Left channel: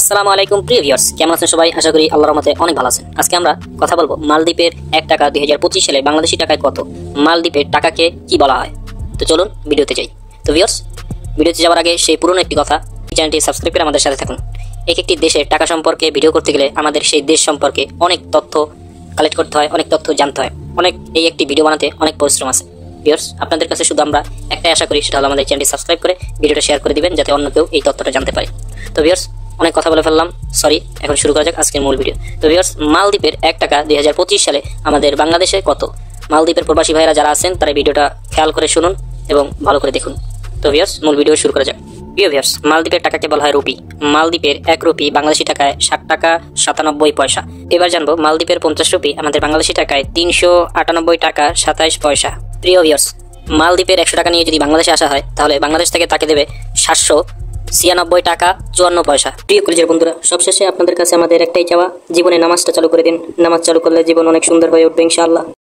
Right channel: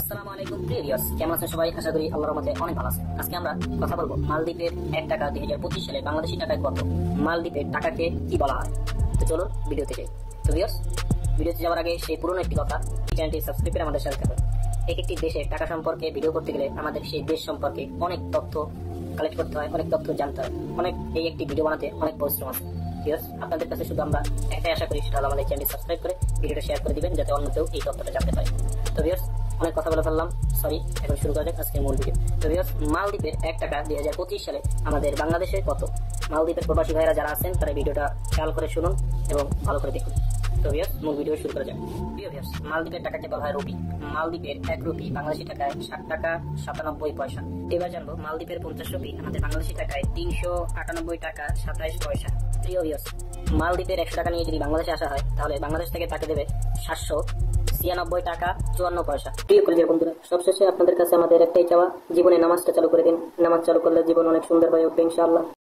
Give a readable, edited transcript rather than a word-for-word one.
আসসালামু আলাইকুম প্রিয় ভিউয়ার্স, কেমন আছেন সবাই? আশা করি আল্লাহর রহমতে অনেক ভালো আছেন। আজকে আমরা কথা বলবো মালদ্বীপের 1 টাকা 2025 সালে বাংলাদেশি টাকায় কত, মালদ্বীপের টাকাকে কি বলা হয়। তো চলুন ভিডিওতে যাই। তো ভিউয়ার্স, ভিডিওতে যাওয়ার আগে সেই পুরনো একটি কথা, চ্যানেলটি সাবস্ক্রাইব করে আমাদের সাথে থাকুন। এক একটি দেশের টাকা সম্পর্কে ভিডিও করতে গেলে আমাদের সেই দেশ সম্পর্কে অনেক তথ্য কালেক্ট করতে হয়, অনেক তথ্য জানতে হয়, এই একটি ভিডিও বানাতে অনেক পরিশ্রম আছে। ভিউয়ার্স, আপনাদের কাছে শুধু আমরা একটাই আশা করি, সেটা হলো আমাদের চ্যানেলটি সাবস্ক্রাইব করে ভিডিওটা শেয়ার করে দিবেন, যাতে অন্য কেউ এই তথ্যটা জানতে পারে। তো ভিউয়ার্স, অনেক কথা বলে ফেললাম, সরি। এখন শুরু করা যাক আজকের মূল ভিডিও। তো ভিউয়ার্স, মালদ্বীপের 1 টাকা 2025 সালে আমাদের বাংলাদেশে কত? মালদ্বীপের প্রবাসী ভাইরা যারা আছেন তারা ভিডিওটা খেয়াল করে শুনুন এবং ভালো করে দেখুন। তো ভিউয়ার্স, মূল ভিডিও শুরু করা যাক। প্রিয় ভিউয়ার্স, মালদ্বীপের টাকাকে বলা হয় রুপি। মালদ্বীপের 1 রুপি বাংলাদেশি টাকায় 60 টাকা 97 পয়সা। এবার জানবো মালদ্বীপের 50 রুপি আমাদের বাংলাদেশি টাকায় 398 টাকা 27 পয়সা। প্রিয় ভিউয়ার্স, মালদ্বীপের 100 টাকা নিয়ে যদি বাংলাদেশে আসা হয়, তাহলে বাংলাদেশ থেকে তাকে দেবে 796 টাকা 54 পয়সা। প্রিয় কলেজের বন্ধুরা, সবশেষে আপনাদের কাছে আমাদের একটাই চাওয়া, জীবনে নামাজটা চালু করে দিন। নামাজ চালু করলে জীবন অনেক সুন্দর হয়ে উঠবে ইনশাআল্লাহ।